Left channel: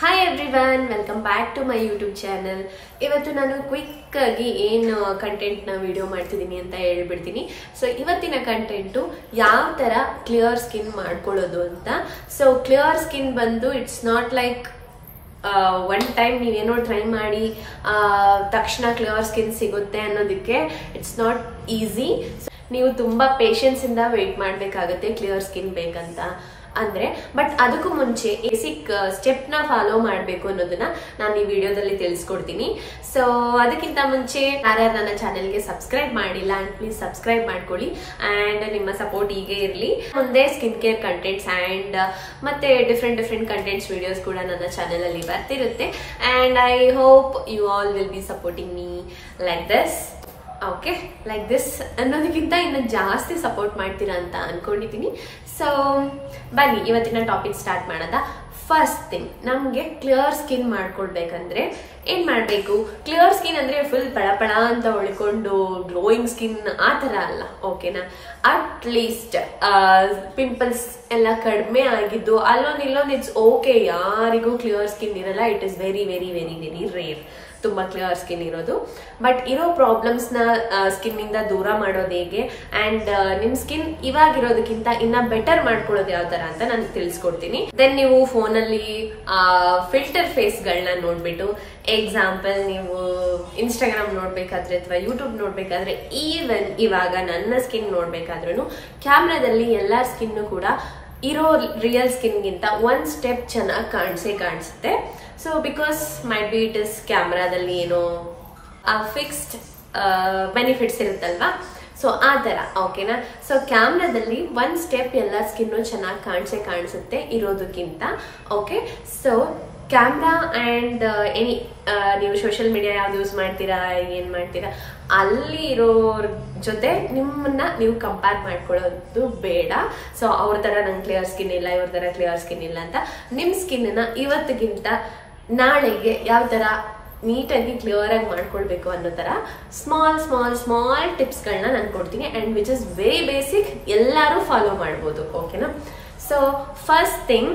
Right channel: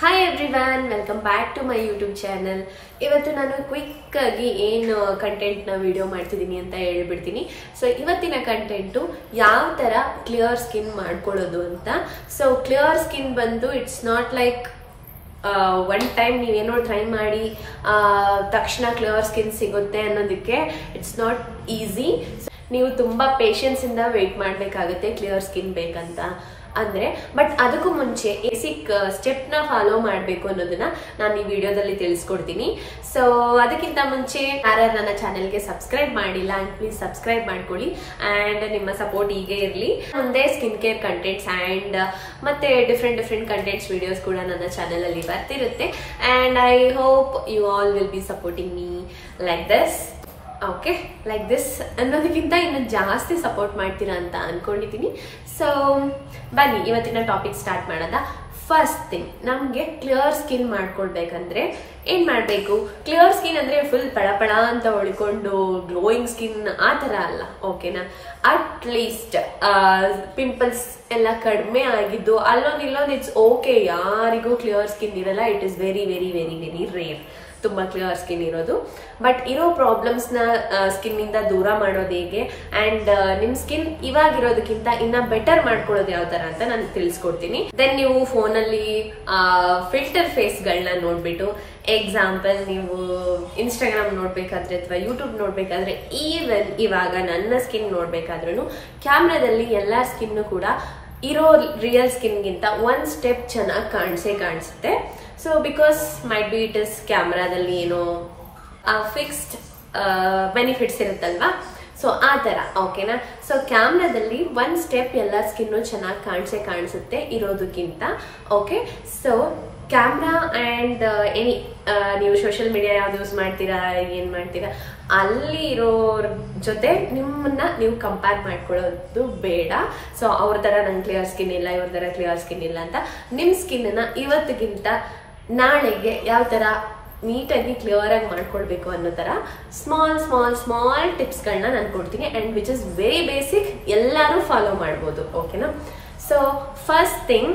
Hi everyone, welcome back to my YouTube channel. ಇವತ್ತು ನಾನು quick ಆಗಿ ಏನು ಕಂಟೆಂಟ್ ನ ವಿಡಿಯೋ ಮಾಡ್ತಿದ್ದೀನಿ ಅಂತ ಹೇಳ್ಬಿಡ್ತೀನಿ. ಸೊ ಇವತ್ತಿನ ಕಂಟೆಂಟ್ ಯಾವ ತರ ಕ್ಲಿಯರ್ ಸ್ಕಿನ್ ಮಾಡ್ಕೊಳ್ಳೋದು ಅಂತ. ಸೊ ಕ್ಲಿಯರ್ ಸ್ಕಿನ್ ಬಂದು it's not like one time ನೀವೇನೋ ಟ್ರೈ ಮಾಡಿ ತಕ್ಷಣ ಕ್ಲಿಯರ್ ಸ್ಕಿನ್ ಸಿಗುತ್ತೆ ಅನ್ನೋದಕ್ಕೆ ಇಟ್ಸ್ ನಾಟ್ ಈಸಿ. ನೀವು ತುಂಬಾ ಪೇಷನ್ಸ್ ಇಂದ ವೇಟ್ ಮಾಡ್ಬೇಕಾಗತ್ತೆ ಕ್ಲಿಯರ್ ಸ್ಕಿನ್ ಬೇಕಂತ ಅಂದ್ರೆ. ಬಟ್ ಅದಕ್ಕೂ ಮುಂಚೆ ಬೇಸಿಕ್ ಸ್ಟೆಪ್ ನ ಫಾಲೋ ಮಾಡ್ಬೇಕು ಅನ್ನೋದನ್ನ ನಾನು ಈ ವಿಡಿಯೋದಲ್ಲಿ ತಿಳಿಸ್ಕೊಡ್ತೀನಿ. ಸೊ ಅದಕ್ಕಿಂತ ಮುಂಚೆ ಯಾರ್ಯಾರು ನನ್ನ ಚಾನೆಲ್ಗೆ ಸಬ್ಸ್ಕ್ರೈಬ್ ಮಾಡಿಲ್ಲ ಅಂಡ್ ಪ್ಲೀಸ್ ಸಬ್ಸ್ಕ್ರೈಬ್ ಮಾಡ್ಕೊಳ್ಳಿ ಅಂಡ್ ನಿಮ್ಮ ಸಪೋರ್ಟ್ ಹೀಗೆ ಇರಲಿ. ಮುಂದೆ ಸ್ಕಿನ್ ಕೇರ್ ಕಂಟೆಂಟ್ಸ್ ಅಂಡ್ ಮತ್ತೆ ಡಿಫ್ರೆಂಟ್ ಕಂಟೆಂಟ್ಸ್ ವಿಡಿಯೋಸ್ ಕೂಡ ನನ್ನ ಚಾನೆಲ್ ಅಲ್ಲಿ ಬರ್ತಿರುತ್ತೆ and I hope you all will be supporting me like this. Okay, like this ಅನ್ನೋದಕ್ಕಿಂತ ಇನ್ನು ಜಾಸ್ತಿ ಸಪೋರ್ಟ್ ಮಾಡ್ತೀರಾ ಅಂತ ಅನ್ಕೊಂಡಿದ್ದೀನಿ. ಸೊ ಬನ್ನಿ ಇವತ್ತಿನ ಟಾಪಿಕ್ ಸ್ಟಾರ್ಟ್ ಮಾಡೋದ. ಫಸ್ಟ್ ಥಿಂಗ್, ನಮ್ಗೆ ಕ್ಲಿಯರ್ ಸ್ಕಿನ್ ಮಾಡ್ಕೊಳ್ಬೇಕಂದ್ರೆ ಏನ್ ಮಾಡ್ಬೇಕು? ಕ್ಲಿಯರ್ ಸ್ಕಿನ್ ಅಂದ್ರೆ ಫುಲ್ ಪಳ ಅಂತ ಹೊಳ್ಕೊಂಡು ಗ್ಲೋಯಿಂಗ್ ಸ್ಕಿನ್ ಆ ತರ ಅಲ್ಲ, ಓಕೆನಾ? ಅಟ್ ಲೀಸ್ಟ್ ಪಿಂಪಲ್ಸ್ ಎಲ್ಲ ಕಡಿಮೆ ಆಗಿದ್ದು ಅಲ್ಲೊಂದು ಇಟ್ಸ್ ಓಕೆ. ಯಾರಿಗೂ ಕ್ಲಿಯರ್ ಸ್ಕಿನ್ ಇರಲ್ಲ, it is very very very very rare ತುಂಬಾ ಕ್ಲಿಯರ್ ಸ್ಕಿನ್ ಇರೋದು. ಬಟ್ ಇರೋ ಪ್ರಾಬ್ಲಮ್ಸ್ ನ ಸ್ಕಿನ್ ಇಂದ ದೂರ ಮಾಡೋದು ಹೇಗೆ ಅಂಡ್ ನಿಮ್ ಸ್ಕಿನ್ ಇವಾಗಿರೋದಕ್ಕಿಂತ ಇನ್ನ ಬೆಟರ್ ಮಾಡ್ಕೊಳ್ಳೋದು ಯಾವ ತರ ಅಂತ ನಾನು ತಿಳಿಸ್ಕೊಡ್ತೀನಿ. ದೆನ್ ನೀವು ಫೋನ್ ಅಲ್ಲಿ ಫಿಲ್ಟರ್ ಫೇಸ್ ಗಳನ್ನ ನೋಡ್ಬಿಟ್ಟು, ಎಕ್ಸಾಂಪಲ್ ನೀವು ಇನ್ಸ್ಟಾಗ್ರಾಮ್ ನೋಡ್ಬೇಕಾದ್ರೆ ಅಥವಾ ಯೂಟ್ಯೂಬ್ ನೋಡ್ಬೇಕಾದ್ರೆ, ಈವನ್ ಇವಾಗ ನನ್ನ ಸ್ಕಿನ್ ನೋಡ್ಬೇಕಾದ್ರೂ ಕ್ಯಾಮ್ರಾದಲ್ಲಿ ಎಲ್ಲಾ ಸ್ಕಿನ್ ಕೂಡ ಇರೋ ರಿಯಲ್ ಸ್ಕಿನ್ ಗಿಂತ ಒಂದ್ ಸ್ಟೆಪ್ ಚೆನ್ನಾಗಿ ಕಾಣಿಸುತ್ತೆ. So because might be it is ಕ್ಯಾಮ್ರಾದಲ್ಲಿ ಏನೋ ಫಿಕ್ಸ್ಡ್ ಬೆನಿಫಿಟ್ಸ್ ಇರುತ್ತಲ್ವಾ, ಸೊ ಆ ತರ, ಓಕೆನಾ? ಸೊ ಕ್ಯಾಮ್ರಾದಲ್ಲಿ ಒಂದ್ ಸ್ಟೆಪ್ ಎಲ್ಲ ಸ್ಕಿನ್ನು ಚೆನ್ನಾಗಿ ಕಾಣಿಸುತ್ತೆ ಇರೋದಕ್ಕಿಂತ. Okay, so camera and any ನೀವು ಸೋಷಿಯಲ್ ಮೀಡಿಯಾ ಯಾವ್ದು ಯೂಸ್ ಮಾಡ್ತೀರಾ, ಏನ್ ಮಾಡ್ತೀರಾ, ಅಲ್ಲಿ ಇರೋರ್ ಜೊತೆ ನಿಮ್ಮನ್ನ ನೀವು ಕಂಪೇರ್ ಮಾಡ್ಕೊಳ್ಳೋದು ಬೇಡ. ಸೊ ಅವ್ರ ತರ ನಂಗೆ ಕ್ಲಿಯರ್ ಸ್ಕಿನ್ ಇಲ್ಲ, ಇವ್ರ ತರ ಕ್ಲಿಯರ್ ಸ್ಕಿನ್ ಇಲ್ಲ ಅಂತ ನಿಮ್ ಸ್ಕಿನ್ ನ ಇವತ್ತಿಗಿಂತ ನಾಳೆಗೆ ಯಾವ ತರ ನೀಟಾಗಿ ಕ್ಲಿಯರ್ ಆಗಿ ಮಾಡ್ಕೊಳ್ಬೇಕು ಅನ್ನೋ ತರ ಸ್ಮಾಲ್ ಟಿಪ್ಸ್ ಗಳನ್ನ ನಾನು ಕೊಡ್ತೀನಿ and which is very basic, ಎಲ್ಲರೂ ಫಾಲೋ ಮಾಡ್ಬೋದು, ಓಕೆನಾ? ಸೊ ಫಸ್ಟ್ ಥಿಂಗ್,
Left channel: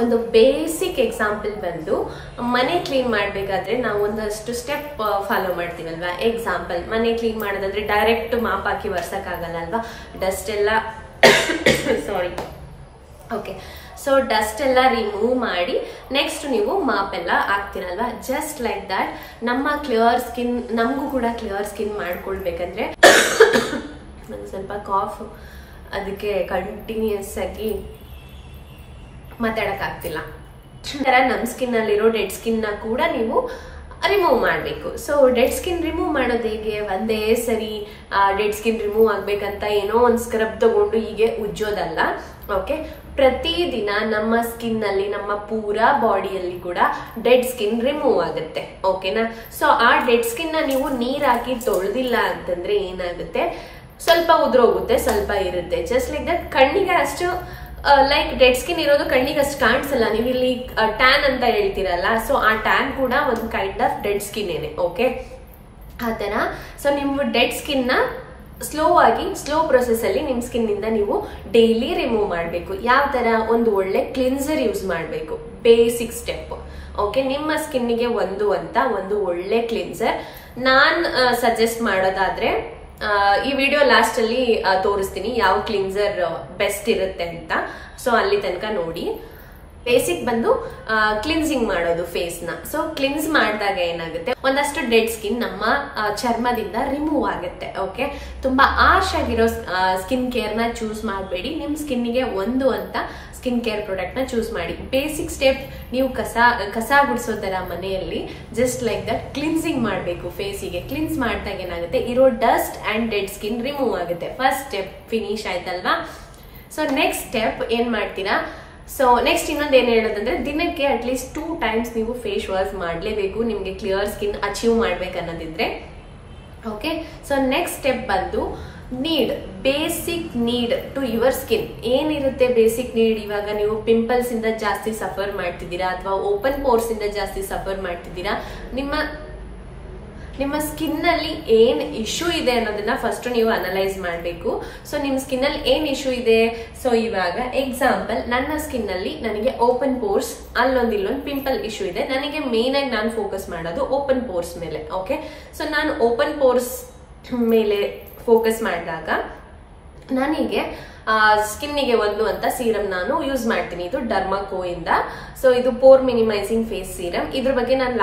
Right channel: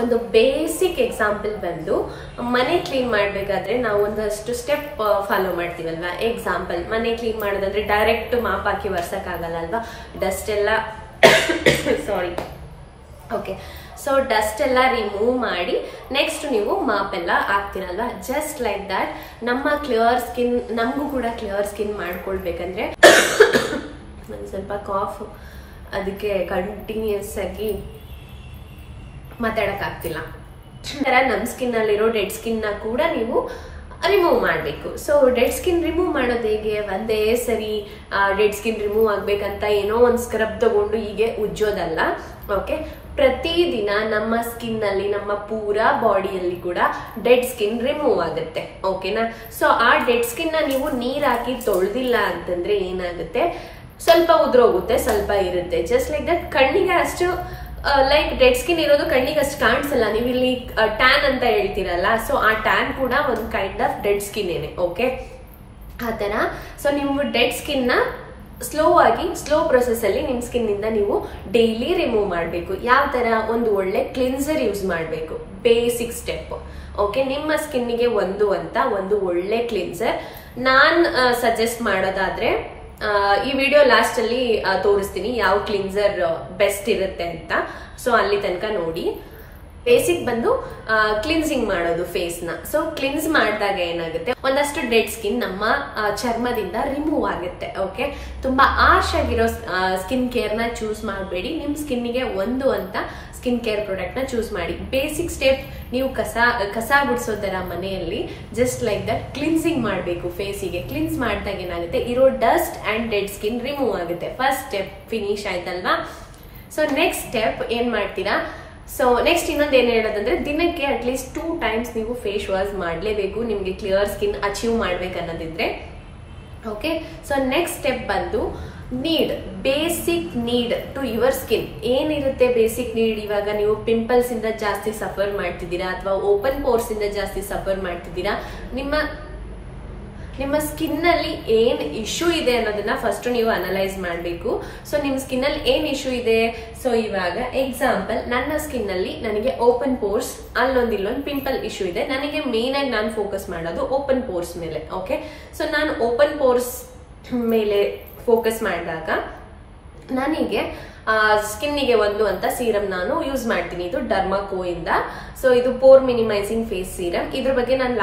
ಒಂದು ಬೇಸಿಕ್ ಎಕ್ಸಾಂಪಲ್ ಬಂದು ಮನೆ ಕ್ಲೀನ್ ಮಾಡ್ಬೇಕಾದ್ರೆ ನಾವು ಒಂದಷ್ಟು ಸ್ಟೆಪ್ ಫಾಲೋ ಮಾಡ್ತೀವಲ್ವಾ. ಎಕ್ಸಾಂಪಲ್, ಮನೆ ಕ್ಲೀನ್ ಮಾಡೋದಂದ್ರೆ ಡೈರೆಕ್ಟ್ ಮಾಪ್ ಹಾಕಿ ವರ್ಸಕ್ ಆಗಲ್ಲ ಅಲ್ವಾ, ಡಸ್ಟ್ ಎಲ್ಲ ಸಾರಿ ಓಕೆ, ಸೊ ಡಸ್ಟ್ ಎಲ್ಲ ರಿಮೂವ್ ಮಾಡಿ ನೆಕ್ಸ್ಟ್ ನೀವು ಮಾಪ್ ಎಲ್ಲ ಹಾಕ್ತಿರಲ್ವಾ. ಜಸ್ಟ್ ಲೈಕ್ ದಟ್ ನಮ್ಮ ಕ್ಲಿಯರ್ ಸ್ಕಿನ್, ನಮಗೂ ಕೂಡ ಕ್ಲಿಯರ್ ಸ್ಕಿನ್ ಮಾಡ್ಕೊಳ್ಬೇಕಂದ್ರೆ ನಂಗೆ ಸ್ವಲ್ಪ ಕಾಫ್, ಅದಕ್ಕೆ ಕಂಟಿನ್ಯೂಸ್ ಆಗಿ ಮಾತಾಡಕ್ ಆಗ್ತಿಲ್ಲ. ನಮ್ ಸ್ಕಿನ್ ಅಲ್ಲಿರೋ ಡೆಡ್ ಸ್ಕಿನ್ ನ ಕೂಡ ನೀವು ರಿಮೂವ್ ಮಾಡ್ಬೇಕು. ಸೊ ಡೆಡ್ ಸ್ಕಿನ್ ರಿಮೂವ್ ಮಾಡೋದು ಹೇಗೆ? ಒಂದೇ ಸರಿ ಡೆಡ್ ಸ್ಕಿನ್ ರಿಮೂವ್ ಆಗ್ಬೇಕಂತ ಏನೋ ಒಂದ್ ಸ್ಕ್ರಬ್ ತಗೊಂಡು ಹೀಗೆ ಉಜ್ಜೋದಲ್ಲ, ಓಕೆ? ಪ್ರತಿದಿನ ನಮ್ಮ ಸ್ಕಿನ್ ಅಲ್ಲಿ, ನಮ್ಮ ಪೂರಾ ಬಾಡಿಯಲ್ಲಿ ಕೂಡ ಡೆಡ್ ಸ್ಕಿನ್ ರಿಮೂವ್ ಆಗುತ್ತೆ, ಓಕೆನಾ? ಸೊ ಆ ಡೆಡ್ ಸ್ಕಿನ್ ನ ನೀವು ನೀರ್ ಹಾಕಿ ತೊಳ್ದಿಲ್ಲ ಅಂತಂದ್ರೆ ಏನಾಗುತ್ತೆ, ಸ್ವಲ್ಪ ಉದ್ರೋಗುತ್ತೆ, ಸ್ವಲ್ಪ ಇರುತ್ತೆ. ಜಸ್ಟ್ ಲೈಕ್ ದಟ್ ಕಣ್ಣಿಗೆ ಅಷ್ಟು ಲೈಕ್ ಡೆಡ್ ಸ್ಕಿನ್ ಇರೋದು ಕಣ್ಣಿಗೆ ಅಷ್ಟು ಕಾಣಿಸಲ್ಲ. ನೀವು ಇಲ್ಲಿ ಟ್ಯಾನ್ ಅಂತ ಹೇಳ್ತೀರಲ್ಲ, ಸೊ ಆ ಟ್ಯಾನ್ ಕೂಡ ಒಂದು ಕೈಂಡ್ ಆಫ್ ಡೆಡ್ ಸ್ಕಿನ್ ಏನೆ, ಓಕೆ? ಆ ತರ. ಸೊ ನೀವು ಡೆಡ್ ಸ್ಕಿನ್ ನ ಸ್ಲೋ ಪ್ರೊಸೆಸ್ ಅಲ್ಲಿ ನಿಮ್ ಸ್ಕಿನ್ ಇಂದ ನೀವು ಡೈಲಿ ರಿಮೂವ್ ಮಾಡ್ಬೇಕು. ಯಾವ ತರ? ಒಂದು ಒಳ್ಳೆ ಕ್ಲಿನ್ಸರ್ ಯೂಸ್ ಮಾಡ್ಬೇಕು, ಬೇಸಿಕ್ ಸ್ಟೆಪ್, ಓಕೆ? ನಿಮ್ಮ ಸ್ಕಿನ್ನಿಗೆ ಒಂದು ಒಳ್ಳೆ ಕ್ಲಿನ್ಸರ್ ನಾನ್ ಸಜೆಸ್ಟ್ ಮಾಡೋದಾದ್ರೆ, ಈ ವಿಡಿಯೋ ಲಾಸ್ಟ್ ಅಲ್ಲಿ ತೋರಿಸ್ತೀನಿ ಯಾವ ಕ್ಲಿನ್ಸರ್ ಬೆಸ್ಟ್ ಇರುತ್ತೆ ಅಂತ. ಸೊ ಅಲ್ಲಿ ತನಕ ನೋಡಿ. ಬೇಸಿಕ್ ಬಂದು ಕ್ಲಿನ್ಸಿಂಗ್ ಮಾಡೋದು ಫೇಸ್ ನ. ಸೊ ಕ್ಲಿನ್ಸ್ ಮಾಡಿದಾಗ ಏನಾಗುತ್ತೆ, ಒಂದಷ್ಟು ಡೆಡ್ ಸ್ಕಿನ್ ನಮ್ಮ ಚರ್ಮದಿಂದ ರಿಮೂವ್ ಆಗುತ್ತೆ, ಓಕೆ? ತುಂಬಾ ಆರ್ಶ್ ಆಗಿರೋ ಸ್ಕಿನ್ ಕೇರ್ ನ ಚೂಸ್ ಮಾಡಬೇಡಿ. ನಿಮ್ ಸ್ಕಿನ್ನಿಗೆ ಒಂದು ಅಂತ ಸ್ಕಿನ್ ಕೇರ್ ಪ್ರಾಡಕ್ಟ್ ನ ಚೂಸ್ ಮಾಡಿ. ಬೇಸಿಕ್ ಸ್ಟೆಪ್, ನೀವು ಕಸ ಗುಡಿಸೋ ತರ ಮನೆಯಲ್ಲಿ ಜಸ್ಟ್ ಲೈಕ್ ದಟ್ ಕ್ಲಿನ್ಸಿಂಗ್ ಮಾಡಬೇಕು. ಫೇಸಿಗೆ ಕ್ಲಿನ್ಸ್ ಮಾಡಿದಾಗ ಏನಾಗುತ್ತೆ, ಇರೋ dust and dead skin remove ಆಗುತ್ತೆ. ಫಸ್ಟ್ ಸ್ಟೆಪ್ ಫಿನಿಶ್ ಆಯ್ತಲ್ವಾ? ಸೊ ನೆಕ್ಸ್ಟ್ ಸ್ಟೆಪ್ ಏನ್ ಮಾಡ್ತೀರಾ? ಸೊ ನೆಕ್ಸ್ಟ್ ಇನ್ನೊಂದು ಏನ್ ಹೇಳೋದಂದ್ರೆ, ದಿನಕ್ಕೆ ಅಟ್ಲೀಸ್ಟ್ 2 times ನೀವು ಫೇಸ್ ವಾಶ್ ಮಾಡಲೇಬೇಕು ನಿಮ್ಗೆ ಕ್ಲಿಯರ್ ಸ್ಕಿನ್ ಅಚೀವ್ ಮಾಡ್ಬೇಕನ್ನೋದಿದ್ರೆ, ಓಕೆ? ಸೊ ನೆಕ್ಸ್ಟ್ ಸ್ಟೆಪ್ ಬಂದು basic need to your skin. ಏನಿರುತ್ತೆ ಬೇಸಿಕ್ ನೀಡ್? ಇವಾಗ ನೀವು ಪಿಂಪಲ್ಸ್ ಇಂದ ಜಾಸ್ತಿ ಸಫರ್ ಮಾಡ್ತಿದ್ದೀರಾ ಅಥವಾ ಓಪನ್ ಪೋರ್ಸ್ ಇಂದ ಜಾಸ್ತಿ ಸಫರ್ ಮಾಡ್ತಿದ್ದೀರಾ, ನಿಮ್ಮ ಸ್ಕಿನ್ ಅಲ್ಲಿ ಏನ್ ಇಶ್ಯೂ ಇದೆ ಅನ್ನೋದನ್ನ ಫಸ್ಟ್ ನೀವು ಅನಲೈಸ್ ಮಾಡಬೇಕು. ಸೊ ನಿಮ್ ಸ್ಕಿನ್ ಅಲ್ಲಿ ಏನ್ ಇಶ್ಯೂ ಇದೆ, ಸೊ ಇವಾಗ ಎಕ್ಸಾಂಪಲ್ ನನ್ನ ಸ್ಕಿನ್ ಅಲ್ಲಿ ನನಗೆ ಓಪನ್ ಪೋರ್ಸ್, ಇಲ್ಲೊಂದು ಪಿಂಪಲ್ ಇಶ್ಯೂ ಇದೆ. ನನಗೆ ಮೇನ್ ಆಗಿ ನಾನು ಫೋಕಸ್ ಮಾಡೋದು ಓಪನ್ ಪೋರ್ಸ್ ಮೇಲೆ. ಓಕೆ, ಸೊ ನಾನು ಓಪನ್ ಪೋರ್ಸ್ ಮೇಲೆ ಫೋಕಸ್ ಮಾಡಿದಾಗ ನನಗೆ ಸ್ಕಿನ್ನಿಗೆ ಒಂದು ಅಂತ ಸೀರಮ್ ನಾನು ಯೂಸ್ ಮಾಡ್ತೀನಿ. ಇದು ಡರ್ಮಾಕೋ ಇಂದ. ಸೊ ಇದು ಪೋರ್ ಮಿನಿಮೈಸಿಂಗ್ ಫೇಸ್ ಸೀರಮ್. ಇದ್ರ ಬಗ್ಗೆ ನಾನು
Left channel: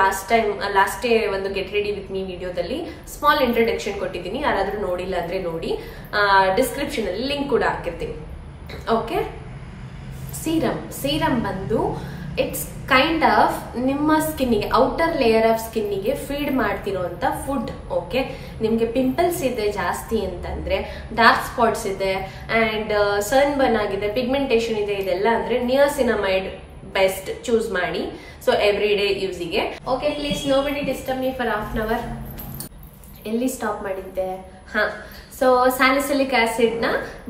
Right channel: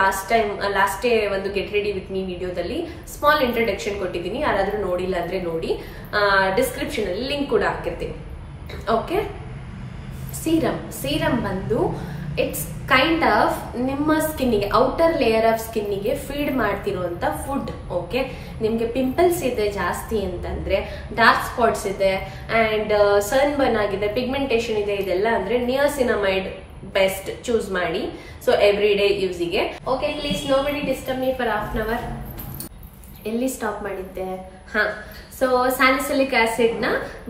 ಲಾಸ್ಟ್ ಡೇ ಒಂದು ಗೆಟ್ ರೆಡಿ ವಿತ್ ಮೀ ವಿಡಿಯೋದಲ್ಲಿ ಸ್ಮಾಲ್ ಇಂಟ್ರೊಡಕ್ಷನ್ ಕೊಟ್ಟಿದ್ದೀನಿ. ಯಾರಾದ್ರೂ ನೋಡಿಲ್ಲ ಅಂದ್ರೆ ನೋಡಿ, ಡಿಸ್ಕ್ರಿಪ್ಷನ್ ಅಲ್ಲಿ ಲಿಂಕ್ ಕೂಡ ಹಾಕಿರ್ತೀನಿ. ಓಕೆ, ಸೀರಮ್ ಬಂದು ಇಟ್ಸ್ ಕೈಂಡ್ ಆಫ್ ನಿಮ್ಮ ಸ್ಕಿನ್ನಿಗೆ, ಔಟರ್ ಲೇಯರ್ ಆಫ್ ಸ್ಕಿನ್ನಿಗೆ ಫೀಡ್ ಮಾಡ್ತಿರೋಂತ ಫುಡ್. ಓಕೆ, ನಿಮ್ಗೆ ಪಿಂಪಲ್ಸ್ ಇದೆ ಜಾಸ್ತಿ ಅಂತಂದ್ರೆ, ಡಾರ್ಕ್ ಸ್ಪಾಟ್ಸ್ ಇದೆ and sun burn, pigmentation ಇದೆ, ಇದೆಲ್ಲ ಅಂದ್ರೆ ನಿಯಾಸಿನಮೈಡ್ ಬೆಸ್ಟ್ ಚೂಸ್ ಮಾಡಿ. ಸೊ ಎವ್ರಿ ಡೇ ಯೂಸಿಗೆ. Okay, please nobody disturb me for half an hour. ಎಲ್ಲಿ ಸ್ಟಾಪ್ ಮಾಡಿದ್ದೆ? ಹಾ, ಸೊ ಸ್ಯಾಲಿಸಿಲಿಕ್ ಆಸಿಡ್ ನ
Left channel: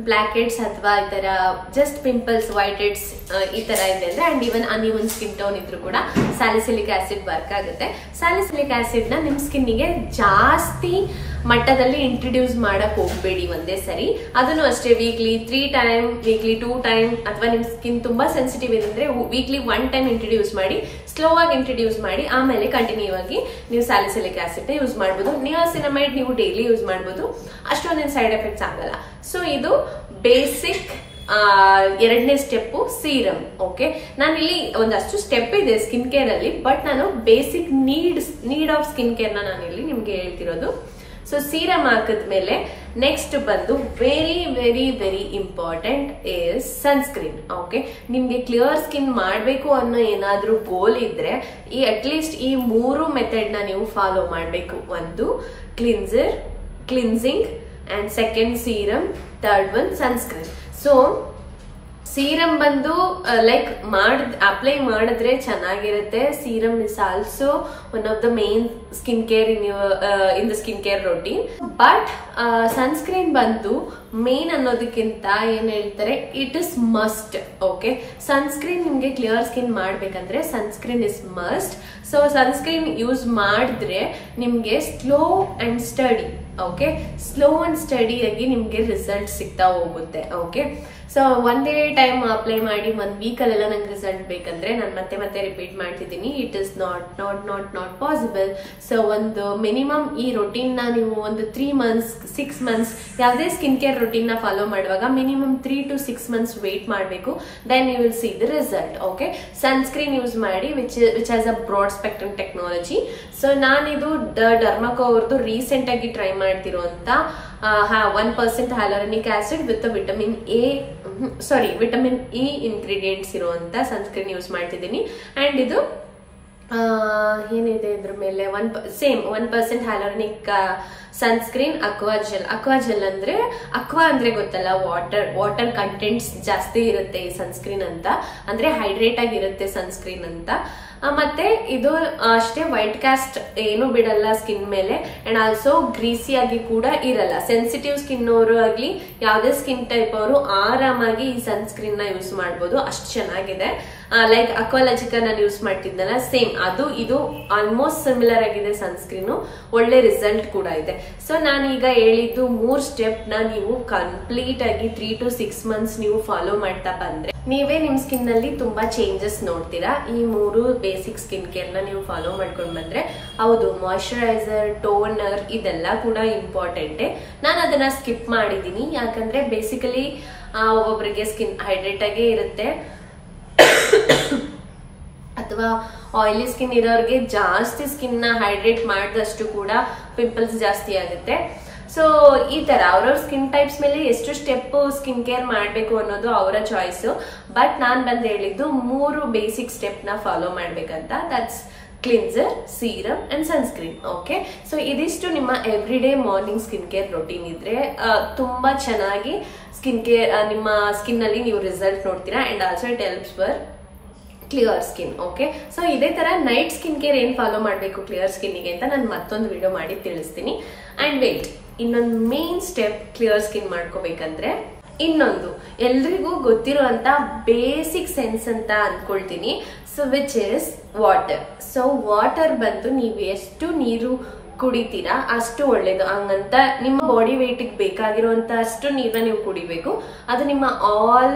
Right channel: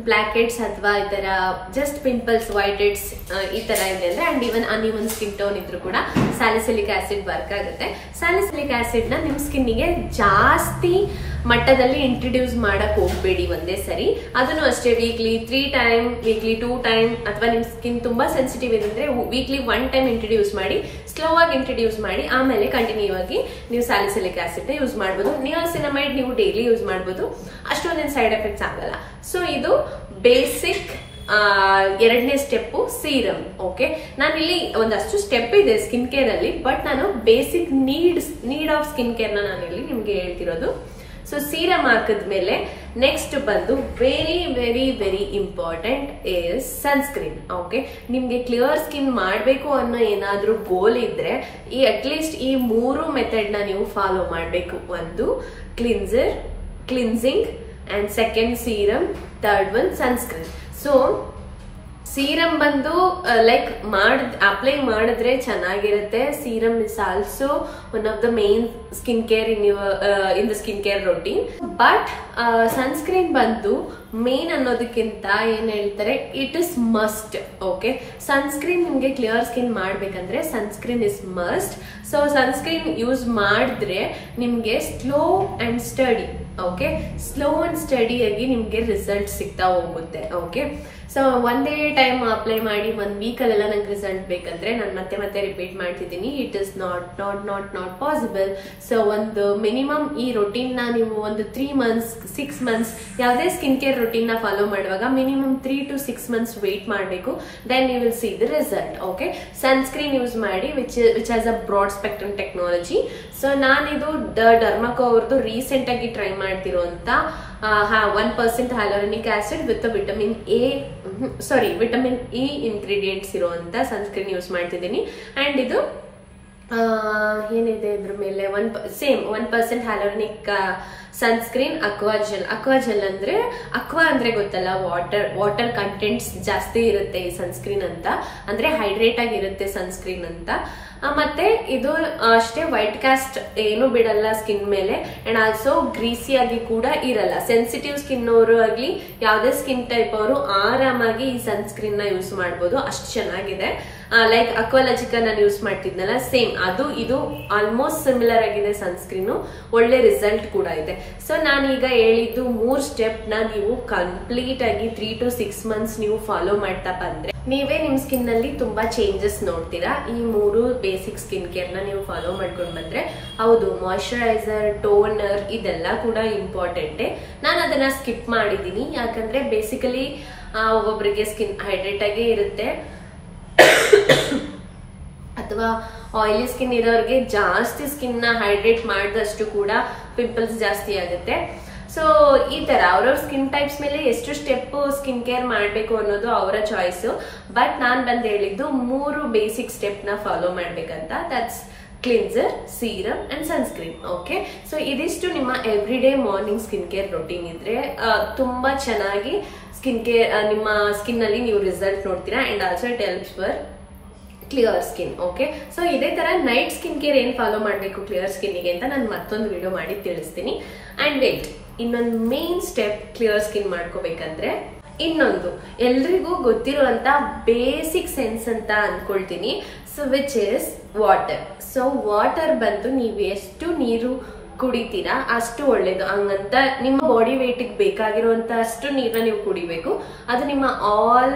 ಬ್ಲಾಕ್ ಹೆಡ್ಸ್ ಅಥವಾ ಈ ತರ ಜಸ್ಟ್ ಪಿಂಪಲ್ಸ್, ವೈಟ್ ಹೆಡ್ಸ್ ಈ ತರ ಇದೆ ಅಂದ್ರೆ, and even uneven skin tone ಇದ್ರು ಕೂಡ ಸ್ಯಾಲಿಸಿಲಿಕ್ ಆಸಿಡ್ ವರ್ಕ್ ಆಗುತ್ತೆ. ಸ್ಯಾಲಿಸಿಲಿಕ್ ಆಸಿಡ್ ನ ನಿಮ್ ಸ್ಕಿನ್ನಿಗೆ ಜಾಸ್ತಿ ಮಟ್ಟದಲ್ಲಿ ಇಂಟ್ರೊಡ್ಯೂಸ್ ಮಾಡಕ್ ಹೋಗ್ಬೇಡಿ ಒಂದೇ ಸರಿ. ಅದನ್ನು ಅಷ್ಟೇ ವೀಕ್ಲಿ 3 ಟೈಮ್, ವೀಕ್ಲಿ 2 ಟೈಮ್, ಅಥವಾ ನಿಮ್ ಸ್ಕಿನ್ ತುಂಬಾ ಸೆನ್ಸಿಟಿವ್ ಇದೆ ಅಂದ್ರೆ ವೀಕ್ಲಿ 1 ಟೈಮ್ ಇಂಟ್ರೊಡ್ಯೂಸ್ ಮಾಡಿ, ಸ್ಲೋ ಆಗಿ ಇಂಟ್ರೊಡ್ಯೂಸ್ ಮಾಡಿ, ಆಮೇಲೆ ಕಂಟಿನ್ಯೂ ಆಗಿ ನೀವು ಸ್ಯಾಲಿಸಿಲಿಕ್ ಆಸಿಡ್ ನ ಯೂಸ್ ಮಾಡಬಹುದು. ನಿಯಾಸಿನಮೈಡ್ ನೀವು ಡೈಲಿ ಯೂಸ್ ಮಾಡಬಹುದು, ಅಷ್ಟೊಂದೇನು ಸೈಡ್ ಎಫೆಕ್ಟ್ಸ್ ಆಗಲ್ಲ. ಸೊ ಇದು ಬೇಸಿಕ್ ಎರಡನೇ ಸ್ಟೆಪ್ ಸೀರಮ್. ಓಕೆ, ನಾನು ಇಲ್ಲಿ ಒಂದಷ್ಟು ಸ್ಟೆಪ್ ಇದೆ ಸ್ಕಿನ್ ಕೇರ್ ಅಲ್ಲಿ, ಬಟ್ ನಾನು basic need of skin care ನಾನು ಇಲ್ಲಿ ನಿಮ್ಗೆ ಹೇಳ್ತಿರೋದು. ಸೊ ಸೀರಮ್ ಹಾಕಿದ್ಮೇಲೆ ನೆಕ್ಸ್ಟ್ ಬಂದು very very very important is sunscreen. Okay, ನಿಮ್ಗೆ ಕ್ಲಿಯರ್ ಸ್ಕಿನ್ ಮಾಡಬೇಕು ಅನ್ನೋ ಏನಾದ್ರೂ ಗೋಲ್ ಇದ್ರೆ ಅಟ್ಲೀಸ್ಟ್ ಈ 3 ಮೆಥಡ್ ನ ನೀವು ಫಾಲೋ ಮಾಡಬೇಕು. ಒಂದು cleansing, and second serum, third one sunscreen. So serum ಬಂದು ಲೈಕ್ ಅಪ್ಲೈ ಮಾಡಿದ್ರೆ ಚೆನ್ನಾಗಿರುತ್ತೆ. Serum is also one of the main skin care in the skin care routine. But sunscreen ಬಂದು ಮೇನ್ ಅನ್ನೋದಕ್ಕಿಂತ ಏನ್ ಹೇಳ್ತಾರೆ, it is must. Okay, sunscreen ನಿಮ್ಗೆ clear skin ಮಾಡ್ಬೇಕಂದ್ರೆ sunscreen is must. So sunscreen use ಮಾಡಿದ್ರೆ ನಿಮ್ಗೆ slow and study, okay, slow and study ಆಗಿ ನಿಮ್ಗೆ ರಿಸಲ್ಟ್ ಸಿಗ್ತಾ ಹೋಗುತ್ತೆ. ಓಕೆ, ಸೊ ಒಂದೇ ಟೈಮ್ ಅಪ್ಲೈ ಮಾಡಿ 1 ವೀಕ್ ಅಲ್ಲೆಲ್ಲ ನಂಗೆ ರಿಸಲ್ಟ್ ಬೇಕಂದ್ರೆ ನಾನು ಮತ್ತೆ ರಿಪೀಟ್ ಮಾಡ್ತಿದ್ದೀನಿ, it is not possible. So ಒಂದು ಮಿನಿಮಮ್ ಈ ರೊಟೀನ್ ನ ನೀವು ಒಂದು 3 ಮಂತ್ಸ್ 6 ಮಂತ್ಸ್ ಯಾವುದೇ ಸ್ಕಿನ್ ಕೇರ್ ರೊಟೀನ್ ನ ಫಾಲೋ ಮಾಡುವಾಗ ಮಿನಿಮಮ್ 3 to 6 ಮಂತ್ಸ್ ವೇಟ್ ಮಾಡಬೇಕು. Then you will see the result. Okay, sunscreen use ಮಾಡಿ which has a broad spectrum technology. So ನಾನಿದು ಡರ್ಮಾಕೋ ಅವ್ರದ್ದು ರೀಸೆಂಟ್ ಆಗಿ ಟ್ರೈ ಮಾಡ್ತಿರುವಂತ 1% hyaluronic acid with vitamin E ingredients ಇರುವಂತ sunscreen use ಮಾಡ್ತಿದ್ದೀನಿ. And ಇದು ಏನಿದೆ ಇದ್ರ ಮೇಲೆ 1% ಹ್ಯಾಲೋರನಿಕ್ ಸನ್ಸ್ಕ್ರೀನ್ ಅಕ್ವಾಜೆಲ್ ಅಂದ್ರೆ ಅಕ್ವಾ ಅಂದ್ರೆ ಗೊತ್ತಲ್ಲ, ವಾಟರ್ ಕಂಟೆಂಟ್ಸ್ ಜಾಸ್ತಿ ಇರುತ್ತೆ ಈ ಸನ್ಸ್ಕ್ರೀನ್ ಅಂತ, ಅಂದ್ರೆ ಹೈಡ್ರೇಟ್ ಆಗಿರುತ್ತೆ ಸನ್ಸ್ಕ್ರೀನ್ ಅಂತ. ಮತ್ತೆ ಇದು ಅಷ್ಟೇ ವೈಟ್ ಕಾಸ್ಟ್ ಏನು ಬಿಡಲ್ಲ ಸ್ಕಿನ್ ಮೇಲೆ, ಅಂಡ್ ಆಲ್ಸೋ ಗ್ರೀಸಿ ಆಗಿ ಕೂಡ ಇರಲ್ಲ. ಸೆನ್ಸಿಟಿವ್ ಸ್ಕಿನ್ ಅವರು ಆಗ್ಲಿ ಯಾವ್ದೇ ಸ್ಕಿನ್ ಟೈಪ್ ಅವರು ಆರಾಮಾಗಿ ಈ ಸನ್ಸ್ಕ್ರೀನ್ ನ ಯೂಸ್ ಮಾಡಬಹುದು, ಅಷ್ಟು ಚೆನ್ನಾಗಿದೆ. ಲೈಕ್ ಅಕ್ವಾಲಜಿಕಾ ನಾನು ಯೂಸ್ ಮಾಡ್ತಿದ್ನಲ್ಲ, ಸೇಮ್ ಅದು ಇದು ಆಲ್ಮೋಸ್ಟ್ ಸಿಮಿಲರ್ ಆಗಿದೆ ಸನ್ಸ್ಕ್ರೀನ್, ಒಳ್ಳೆ ರಿಸಲ್ಟ್ ಕೂಡ ಇದೆ. ಸೊ ನಾನೀಗ ಹೇಳಿದ್ದು 3 ಸ್ಟೆಪ್ ನ ನೀವು ಕಂಪ್ಲೀಟ್ ಆಗಿ 3 to 6 ಮಂತ್ಸ್ ನೀವು ಫಾಲೋ ಮಾಡ್ತಾ ಬಂದ್ರೆ ನೀವೇ ನಿಮ್ ಸ್ಕಿನ್ ನಲ್ಲಿ ತುಂಬಾ ಚೇಂಜಸ್ ನೋಡ್ತೀರಾ. ಈ 3 ಬೇಸಿಕ್ ಸ್ಕಿನ್ ಕೇರ್ ನ ನೀವು ಫಾಲೋ ಮಾಡ್ಕೊಂಡು ಬಂದ್ರೆ, ಹೌದು ಮಾಯಿಶ್ಚರೈಸರ್, ಟೋನರ್ ಇದೆಲ್ಲ ಕೂಡ ಇಂಪಾರ್ಟೆಂಟ್. ನಾನು ಅದನ್ನ ಸ್ಕಿಪ್ ಮಾಡಿದೀನಿ, ಯಾಕಂದ್ರೆ ಬೇಸಿಕಲಿ ಒಬ್ಬೊಬ್ಬರಿಗೆ ಸ್ಕಿನ್ ಹೈಡ್ರೇಟ್ ಆಗೇ ಇರುತ್ತೆ, ಅಥವಾ ಆಯಿಲಿ ಸ್ಕಿನ್ ಇರೋರಿಗೆ ಜಾಸ್ತಿ ಸ್ಕಿನ್ ನ ಹೈಡ್ರೇಟ್ ಮಾಡಿದಷ್ಟು ಕೂಡ ಪಿಂಪಲ್ಸ್ ಜಾಸ್ತಿ ಆಗುತ್ತೆ. ಸೊ ಈ ತರ ಅವ್ರವ್ರ ಸ್ಕಿನ್ ಟೈಪ್ಸ್ ಮೇಲೆ ಎಷ್ಟು ಸ್ಟೆಪ್ ಸ್ಕಿನ್ ಕೇರ್ ಮಾಡ್ಬೇಕು ಅನ್ನೋದು ಅವರ ಚಾಯ್ಸ್. ಬಟ್ ನಾನ್ ಬಂದ್ ಹೇಳಿದ್ದು 3 ಬೇಸಿಕ್ ಸ್ಟೆಪ್ ನ ಫಾಲೋ ಮಾಡ್ಬೇಕಂತ. That's cleanser, serum and sunscreen. Okay, so ಇದಿಷ್ಟು ನಿಮ್ಮ every day morning skin care routine ಇದ್ರೆ ತುಂಬಾ ಚೆನ್ನಾಗಿ ಸ್ಕಿನ್ ಕೇರ್ ನಿಮ್ಮ ಸ್ಕಿನ್ ಅಲ್ಲಿ ನೀವು ರಿಸಲ್ಟ್ ನೋಡ್ತೀರಾ. And also it helps for clear skin. Okay, so ಇದೇ ತರ ನೈಟ್ ಸ್ಕಿನ್ ಕೇರ್ ಏನ್ ಫಾಲೋ ಮಾಡ್ಬೇಕು ಕ್ಲಿಯರ್ ಸ್ಕಿನ್ ಗೆ ಅಂತ ನಾನು ಮತ್ತೊಂದು ವಿಡಿಯೋ ಮಾಡಿ ತಿಳಿಸ್ತೀನಿ. ಅಂಡ್ ವೇಟ್, ಇನ್ನೊಂದು ಮೇನ್ ಸ್ಟೆಪ್ ಕ್ಲಿಯರ್ ಸ್ಕಿನ್ ಮಾಡ್ಕೋಬೇಕಂದ್ರೆ ಇನ್ನೊಂದು ಎಲ್ರಿಗೂ ಗೊತ್ತಿರುವಂತ ಬೇಸಿಕ್ ಸೆನ್ಸ್ ಅಂತ ಅನ್ಕೊಳ್ತೀನಿ. So which is water. So water ಬಂದು ನೀವು ಎಷ್ಟು ನೀರು ಕುಡಿತೀರಾ ಅಷ್ಟು ಒಳ್ಳೇದು. ಹಂಗಂತ ನಿಮ್ಮ ಬಾಡಿ ವೇಟ್ ಬೇಕಾಗಿರುವಂತ ಅಷ್ಟು ನೀರನ್ನ ನೀವು ಕುಡಿಬೇಕು. ಅದು ನಿಮ್ಮ ಆಲ್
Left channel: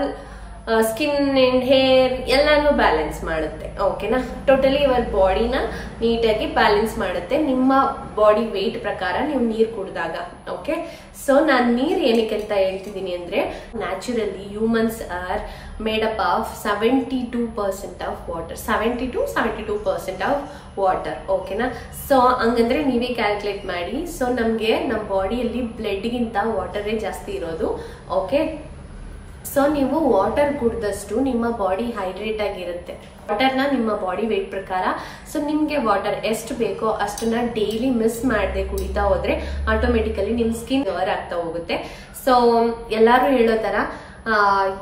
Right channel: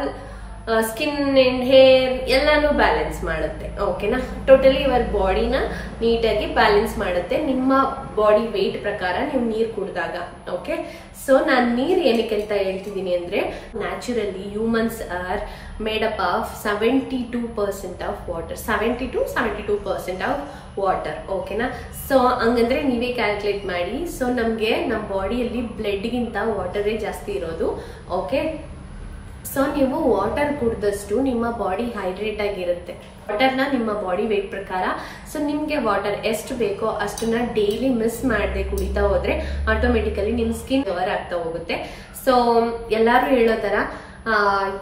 ಸ್ಕಿನ್ ಅಂಡ್ ಹೇರ್ ಎಲ್ಲಾನು ಬ್ಯಾಲೆನ್ಸ್ ಮಾಡುತ್ತೆ. ಓಕೆನಾ, ಟೋಟಲಿ ಯುವರ್ ಬಾಡಿನ ನೀಟಾಗಿ ಬ್ಯಾಲೆನ್ಸ್ ಮಾಡುತ್ತೆ ನಿಮ್ಮ ಬಾಡಿ ವೇಟ್ ಪ್ರಕಾರ ನೀವು ನೀರು ಕುಡಿದಾಗ. ಓಕೆ, ಸೊ ನಾನು ನೀರು ಏನಕ್ಕೆ ಅಂತ ಹೇಳ್ತಿದ್ದೀನಿ ಅಂದ್ರೆ, naturally humans are made up of 72% of water, 72% of water. ಓಕೆನಾ, ಸೊ ಹಂಗಂದ್ರೆ ನೀವೇ ಕ್ಯಾಲ್ಕುಲೇಟ್ ಮಾಡಿ. ಸೊ ನಮ್ಗೆ ನಮ್ಮ ಬಾಡಿಯಲ್ಲಿ ಬ್ಲಡ್ಗಿಂತ ವಾಟರೇ ಜಾಸ್ತಿ ಇರೋದು. ಓಕೆ, ಸೊ ನೀವು ವಾಟರ್ ಕುಡಿದಷ್ಟು ನಿಮ್ಮ ಬಾಡಿ ಹೈಡ್ರೇಟ್ ಆಗಿರುತ್ತೆ. ವಾಟರ್ನ ನಿಮ್ಮ ಬಾಡಿ ವೇಟ್ ಪ್ರಕಾರ, ಸೊ ನಿಮ್ಗೆ ವಾಟರ್ ಎಷ್ಟು ಬೇಕೋ ಅಷ್ಟನ್ನ ಡೈಲಿ ಮಿಸ್ ಮಾಡದೆ ಕುಡಿತಾ ಹೋದ್ರೆ ಆಟೋಮೆಟಿಕಲಿ ನಿಮ್ ಸ್ಕಿನ್ ಕವರ್ ಆಗ್ತಾ ಹೋಗುತ್ತೆ. ಸೊ ಎಲ್ಲಾರು ಹೇಳೋ ತರ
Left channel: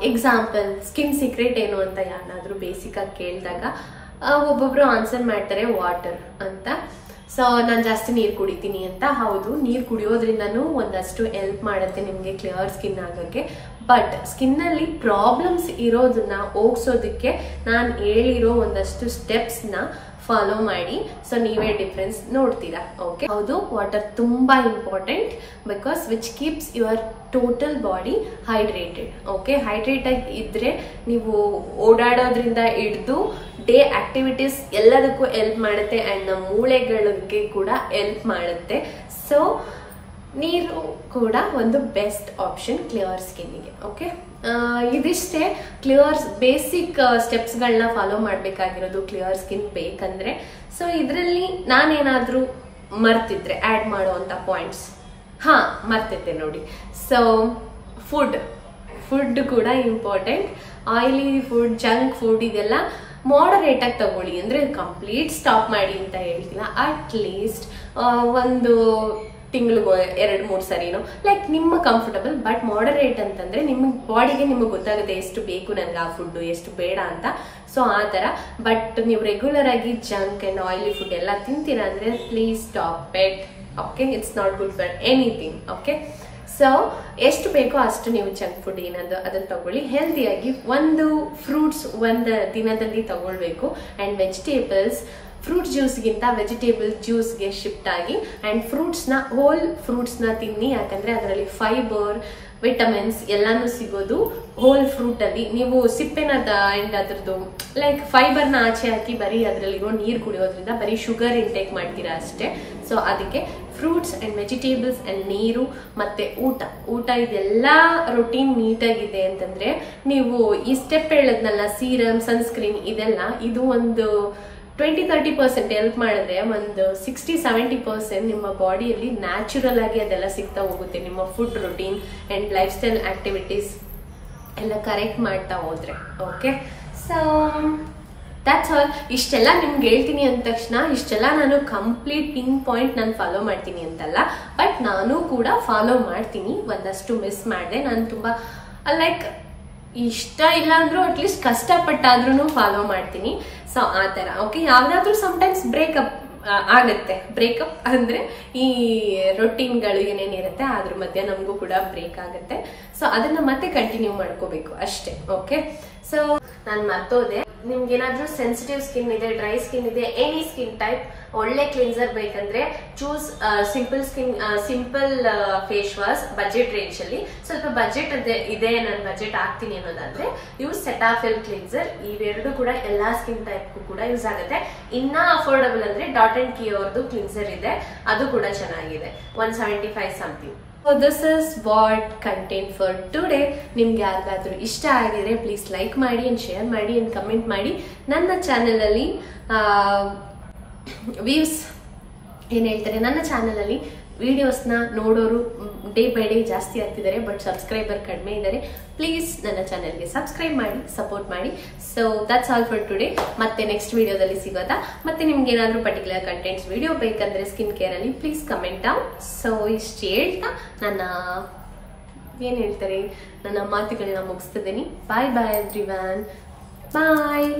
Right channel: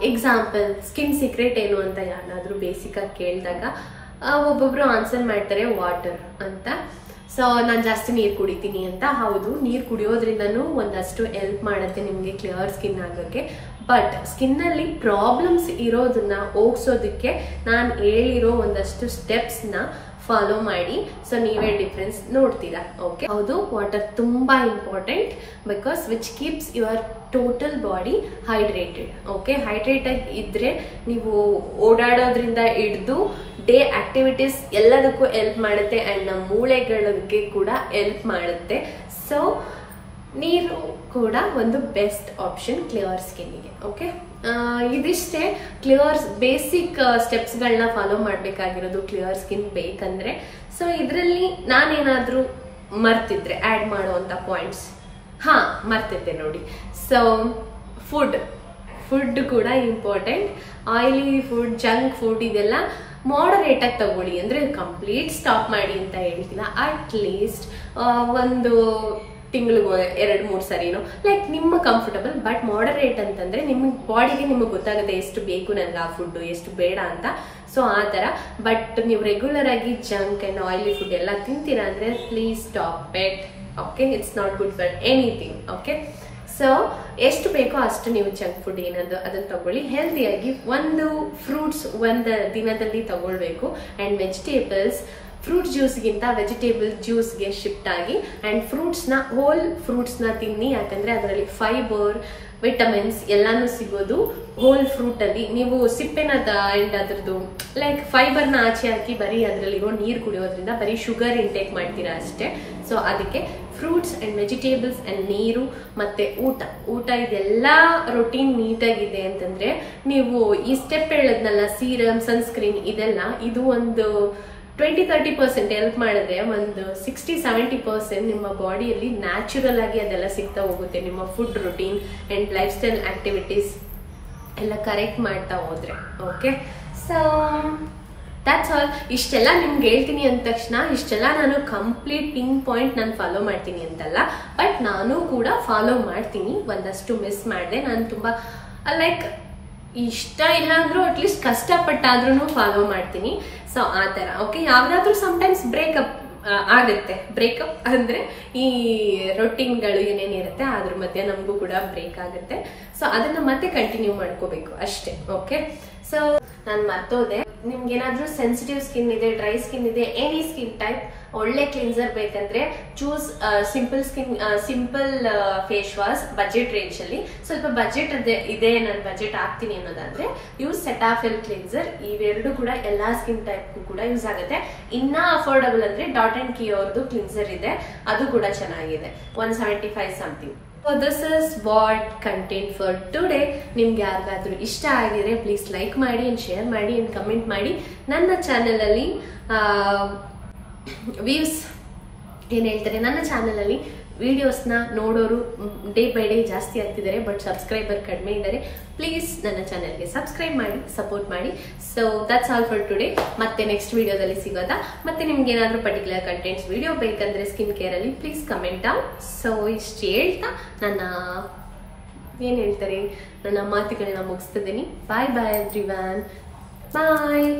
ಎಕ್ಸಾಂಪಲ್ ಸ್ಕಿನ್ ಸೀಕ್ರೆಟ್ ಏನು ಅಂತ ಯಾರಾದ್ರೂ ಬೇಸಿಕ್ ಆಗಿ ಕೇಳಿದಾಗ ಒಬ್ಬೊಬ್ರು ಆನ್ಸರ್ ಮಾಡ್ತಾರೆ ವಾಟರ್ ಅಂತ. ಸೊ ನಾನ್ ಜಾಸ್ತಿ ನೀರ್ ಕುಡಿತೀನಿ ಅಂತ. ಹೌದು, ನೀರ್ ಕುಡಿಯೋದ್ರಿಂದನೂ ಒಂದಷ್ಟು ಹೆಲ್ಪ್ ಮಾಡುತ್ತೆ ನಿಮ್ಗೆ ಕ್ಲಿಯರ್ ಸ್ಕಿನ್ ಆಗೋಕೆ. ಬಟ್ ಸ್ಕಿನ್ ಅಲ್ಲಿ ಪ್ರಾಬ್ಲಮ್ಸ್ ಇರೋದನ್ನ ಹೋಗ್ಸೋದಕ್ಕೆ ನಾನು ಹೇಳಿರೋ ಒಂದಷ್ಟು ಸ್ಟೆಪ್ಸ್ ನ ಫಾಲೋ ಮಾಡಿ. ಸೊ ನೀವೇ ಡಿಫ್ರೆನ್ಸ್ ನೋಡ್ತೀರಾ. ಓಕೆ, ಹೌದು, ವಾಟರ್ ತುಂಬಾ important because which keeps your total body hydrated. Okay, hydrate ಆಗಿ ಇದ್ರೆ ನೀವು ಓಡಾಡೋದ್ರಿಂದ ಹಿಡಿದು ಡೇ ಆಕ್ಟಿವಿಟೀಸ್ ಎಲ್ಲದಕ್ಕೂ ಹೆಲ್ಪ್ ಮಾಡುತ್ತೆ ಅಂಡ್ ನಮ್ಮ ಮೂಳೆಗಳಿಗೆ ಕೂಡ ಹೆಲ್ಪ್ ಮಾಡುತ್ತೆ. ಸೊ ನೀರು ಕೂಡ ಒಂದು ಬೆಸ್ಟ್ ಆಪ್ಷನ್ ಕ್ಲಿಯರ್ ಸ್ಕಿನ್ಗೆ. ಓಕೆ, ಇದಿಷ್ಟೇ ಕ್ಲಿಯರ್ ಬೇಸಿಕ್ ಸ್ಟೆಪ್ಸ್ ಗಳನ್ನ ಫಾಲೋ ಮಾಡ್ಬೇಕಾಗಿರೋದು ಕ್ಲಿಯರ್ ಸ್ಕಿನ್ ಬೇಕಂದ್ರೆ. ಸೊ ಇದರಲ್ಲಿ ನಾನೇನಾದ್ರೂ ಮರ್ತಿದ್ರೆ ಆಡ್ ಮಾಡುವಂತ ಪಾಯಿಂಟ್ಸ್, ಮರ್ತಿದ್ದೆ ನೋಡಿ. ಸೊ ಫುಡ್ ಕೂಡ important. Oily food, junk food ಇದೆಲ್ಲ ಮಾಡರೇಟ್ ಆಗಿ ತಗೊಳ್ಳಿ. ಅಂದ್ರೆ ಕಂಪ್ಲೀಟ್ ಸ್ಟಾಪ್ ಮಾಡಿ ಅಂತ ಹೇಳ್ತಿಲ್ಲ, ಅಟ್ ಲೀಸ್ಟ್ ಒಂದು ತಿಂಗಳಿಗೆ 2-3 ಸರಿನೋ, ಲೈಕ್ ನಿಮ್ಮ ಕಂಫರ್ಟಬಲ್. ಬಟ್ ಮಾಡರೇಟ್ ಅಂತಂದ್ರೆ ನಿಮ್ಮ ಬಾಡಿಗೆ ನಿಮಗೆ ಗೊತ್ತಾಗುತ್ತೆ ಎಷ್ಟು ಬೇಕು ನನಗೆ ಆ ಫುಡ್, ಎಷ್ಟು ಬೇಡ ಅಂತ. ಸೊ ಆ ತರ. ಬಟ್ ನೀವು ರೆಗ್ಯುಲರ್ ಆಗಿ ಜಂಕ್ ಅಂಡ್ ಆಯಿಲಿ ಫುಡ್ ಎಲ್ಲ ತಿಂತೀರಾ ಅಂದ್ರೆ please stop it. Okay, it's not good for anything. Okay, so ಎಷ್ಟು ಬೇಕೋ ಅಷ್ಟು ನೀವು ಜಂಕ್ ಫುಡ್ ಏನದು ಅದನ್ನ ತಗೊಳ್ಳಿ. ಹೆಲ್ದಿಯಾಗಿ ಒಂದು ಫ್ರೂಟ್ಸ್ ಒಂದು ದಿನದಲ್ಲಿ ತಗೊಳ್ಬೇಕು. ಅಂಡ್ ವೆಜಿಟೇಬಲ್ಸ್, ಫ್ರೂಟ್ ಜ್ಯೂಸ್ಗಿಂತ ವೆಜಿಟೇಬಲ್ ಜ್ಯೂಸ್ಗೆ ಶಿಫ್ಟ್ ಆಗಿ ಅಂಡ್ ಹೋಲ್ ಫ್ರೂಟ್ಸ್ ನ ತಿನ್ನಿ. ಯಾಕಂದ್ರೆ ಅದರಲ್ಲಿ ಫೈಬರ್, ವಿಟಮಿನ್ಸ್ ಎಲ್ಲಾನು ಸಿಗೋದು ಹೋಲ್ ಫ್ರೂಟ್ ಅಲ್ಲಿ. ನೀವು ಸಿಪ್ಪೆನ ಅಂಡ್ ಅದ್ರದ್ದು ಲೈಕ್ ಫೈಬರ್ ನ ಆಚೆ ಹಾಕಿ ಬರೀ ಅದ್ರಲ್ಲಿರೋ ನೀರ್ ಕುಡಿಯೋದ್ರಿಂದ ಬರೀ ಶುಗರ್ ಇಂಟೇಕ್ ಮಾಡ್ತೀರಾ ಅಷ್ಟೇ. ಸೊ ಅದಕ್ಕೆ ಫ್ರೂಟ್ಸ್ ಅಂಡ್ ವೆಜಿಟೇಬಲ್ಸ್ ಅಂಡ್ ನೀರು ಮತ್ತೆ ಊಟ ಇದೆಲ್ಲಾ ರೊಟೀನ್ ನೀಟಾಗಿದೆ ಅಂತಂದ್ರೆ ನೀವು ಈ ಸ್ಟೆಪ್ ಹೇಳದ್ನಲ್ಲ, ಸೀರಮ್, ಸನ್ಸ್ಕ್ರೀನ್ ಇದೆಲ್ಲ, ಇದು ಒಂದು 20-30% ಹೆಲ್ಪ್ ಮಾಡಿದ್ರೆ ಒಂದು 60-70% ನಿಮ್ಮ ಬಾಡಿಯಲ್ಲಿ ನ್ಯಾಚುರಲ್ ಆಗಿ ಅದೆಲ್ಲ ಸಿಗ್ತಾ ಹೋಗುತ್ತೆ. ನಿಮ್ಮ food routine and life style activities ಎಲ್ಲ ಕರೆಕ್ಟ್ ಮಾಡ್ತಾ ಹೋದ್ರೆ. Okay, so that's all. ಇಷ್ಟೆಲ್ಲ ನಿಮ್ಗೆ ಹೇಳ್ತೀನಿ ಅಂದ ತಕ್ಷಣ ಇಷ್ಟೆಲ್ಲ ನಾನು ಕಂಪ್ಲೀಟ್ ಪಿನ್ ಪಾಯಿಂಟ್ ನಾನು ಫಾಲೋ ಮಾಡ್ತೀನಿ ಅಂತಲ್ಲ, ಬಟ್ ನಾನು ಕೂಡ ಫಾಲೋ ಮಾಡ್ತೀನಿ. ಒಂದಷ್ಟು ಮಿಸ್ ಮಾಡಿದೆ. ನಾನು ತುಂಬಾ ಲೈಕ್ ಇಷ್ಟ ಇಲ್ಲ ಅಂದ್ರೂ ಅಟ್ಲೀಸ್ಟ್ ಕಷ್ಟಪಟ್ಟಾದ್ರೂ ಫಾಲೋ ಮಾಡ್ತೀನಿ. ಸೊ ಆ ತರ. ಓಕೆ, ಯಾವ್ದಾದ್ರು ಸಮ್ಟೈಮ್ಸ್ ಬ್ರೇಕಪ್ ಆಗತ್ತೆ. ಬ್ರೇಕಪ್ ಅಂದ್ರೆ ಈ ರೊಟೀನ್ಗಳು ಏನೇನಿರುತ್ತೆ ಅದ್ರ ಮಧ್ಯೆ ನಮಗೂ ಕೂಡ ಬ್ರೇಕ್ ಆಗುತ್ತೆ. ಸೊ ಅದನ್ನ ಮತ್ತೆ ಕಂಟಿನ್ಯೂ ಮಾಡ್ಕೋಬೇಕು ಅಷ್ಟೇ. ಓಕೆ, ಸೊ ನಾನು ಮರ್ತೋದೆ, ನಿಮ್ಗೆ ಏನಾದ್ರೂ ಸೆನ್ಸಿಟಿವ್ ಸ್ಕಿನ್ ಇದೆ, ಡ್ರೈ ಸ್ಕಿನ್ ಇದೆ, ಎನಿ ಸ್ಕಿನ್ ಟೈಪ್, ಒಳ್ಳೆ ಕ್ಲಿನ್ಸರ್ ಬೇಕಂದ್ರೆ choose simple face wash budget range ಅಲ್ಲಿ. ಸ್ವಲ್ಪ ಬಜೆಟ್ ಇದೆ, ನಾನು ಬಜೆಟ್ ಹಾಕ್ತೀನಿ ಅನ್ನೋದಾದ್ರೆ ಯೂಸ್ ಸೆಟಾಫಿಲ್ ಕ್ಲಿನ್ಸರ್. ಇವೆರಡು ಕೂಡ ಎಲ್ಲಾ ಸ್ಕಿನ್ ಟೈಪ್ ಕೂಡ ಯೂಸ್ ಆಗುತ್ತೆ. ಇನ್ನ ಅಫೋರ್ಡಬಲ್ ಅಂದ್ರೆ ಡಾಟ್ ಅಂಡ್ ಕೀ ಅವ್ರದ್ದು ಕ್ಲಿನ್ಸರ್ ಇದೆ, ಅದು ಕೂಡ ಚೆನ್ನಾಗಿದೆ, 175 something. So this is what content for today. ನಿಮ್ಗೆ ಯಾರಿಗಾದ್ರೂ ಇಷ್ಟ ಆಗಿದ್ರೆ ಪ್ಲೀಸ್ ಲೈಕ್ ಮಾಡಿ ಅಂಡ್ ಶೇರ್ ಮಾಡಿ ಅಂಡ್ ಕಮೆಂಟ್ ಮಾಡಿ. ನನ್ನ ಚಾನೆಲ್ ಅಲ್ಲಿ ವ್ಯೂಸ್ ಏನ್ ಹೇಳ್ತಾರೆ, ನನ್ನ ಚಾನೆಲ್ ಅಲ್ಲಿ ವಿಡಿಯೋಸ್ ನ ನೋಡೋರು ಡೇ ಬೈ ಡೇ ಜಾಸ್ತಿ ಆಗ್ತಿದ್ದಾರೆ, ಬಟ್ ಸಬ್ಸ್ಕ್ರೈಬರ್ ಕಡಿಮೆ ಇದ್ದಾರೆ. ಪ್ಲೀಸ್ ನನ್ನ ಚಾನೆಲ್ಗೆ ಸಬ್ಸ್ಕ್ರೈಬ್ ಮಾಡಿ, ಸಪೋರ್ಟ್ ಮಾಡಿ. So that's all for today. ಮತ್ತೆ ನೆಕ್ಸ್ಟ್ ವಿಡಿಯೋದಲ್ಲಿ ಸಿಗೋದಾ. ಮತ್ತೆ ನಿಮ್ಗೆ ಏನಾದ್ರೂ ಪರ್ಟಿಕ್ಯುಲರ್ ಕಂಟೆಂಟ್ಸ್ ವಿಡಿಯೋ ಬೇಕಂದ್ರೆ ಸ್ಕಿನ್ ಕೇರ್ ಅಲ್ಲಿ ಪ್ಲೀಸ್ ಕಮೆಂಟ್ ಡೌನ್. ಸೊ ಇಷ್ಟು ಹೇಳ್ತಾ ನನ್ನ ಮಾತುಗಳನ್ನ ಮುಗಿಸ್ತಿದ್ದೀನಿ. ಬಾಯ್ ಬಾಯ್ ಎವ್ರಿವನ್, ಬಾಯ್.